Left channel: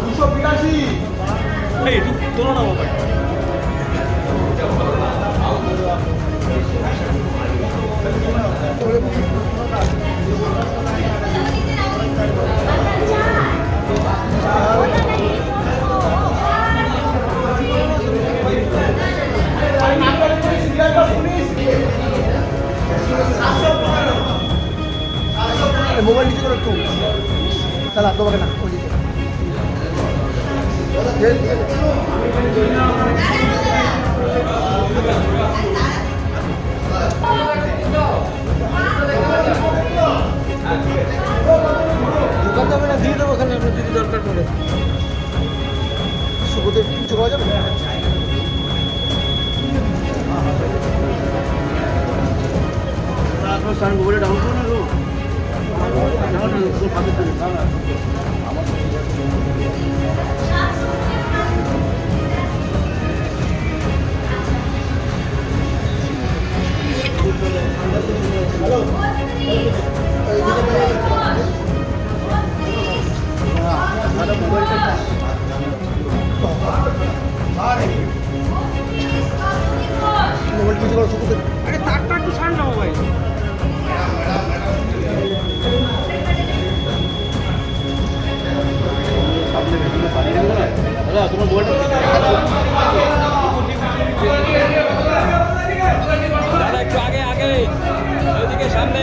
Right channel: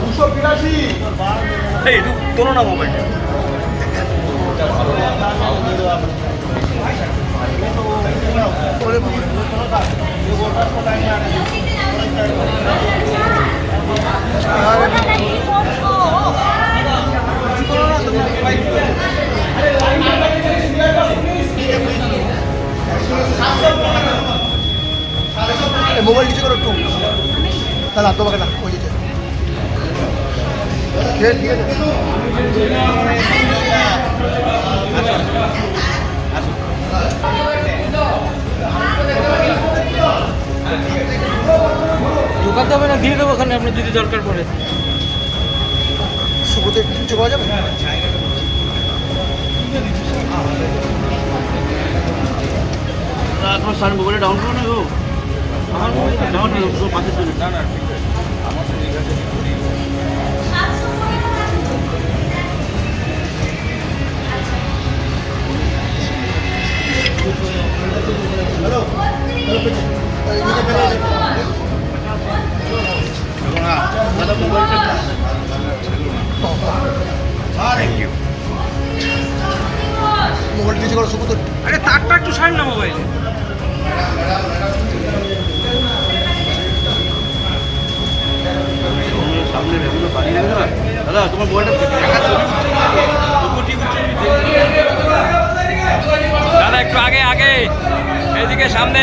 দুশো বিরাশি। এই একটু তোলো না মোবাইলটা মোবাইল নিচে করো একটু। তাহলে তোমাকে না ওই ঢোকাতে হবে দিয়ে দেবো ওখানে আপনার যদি দরকার পড়ে। শুভতে কিছু পাওয়া যাবে আপনার সান মোবাইলে ডাউন করো না গো আমার পাশে চলে না না মোবাইল নিচে করো শুভতে আরে তারটা একটু সার না মোবাইল। সামনে বেগুলো পানি লাগবে না? দাদা, তোমার মোবাইলটা একটু আগে আগে। এদিকে সামনে।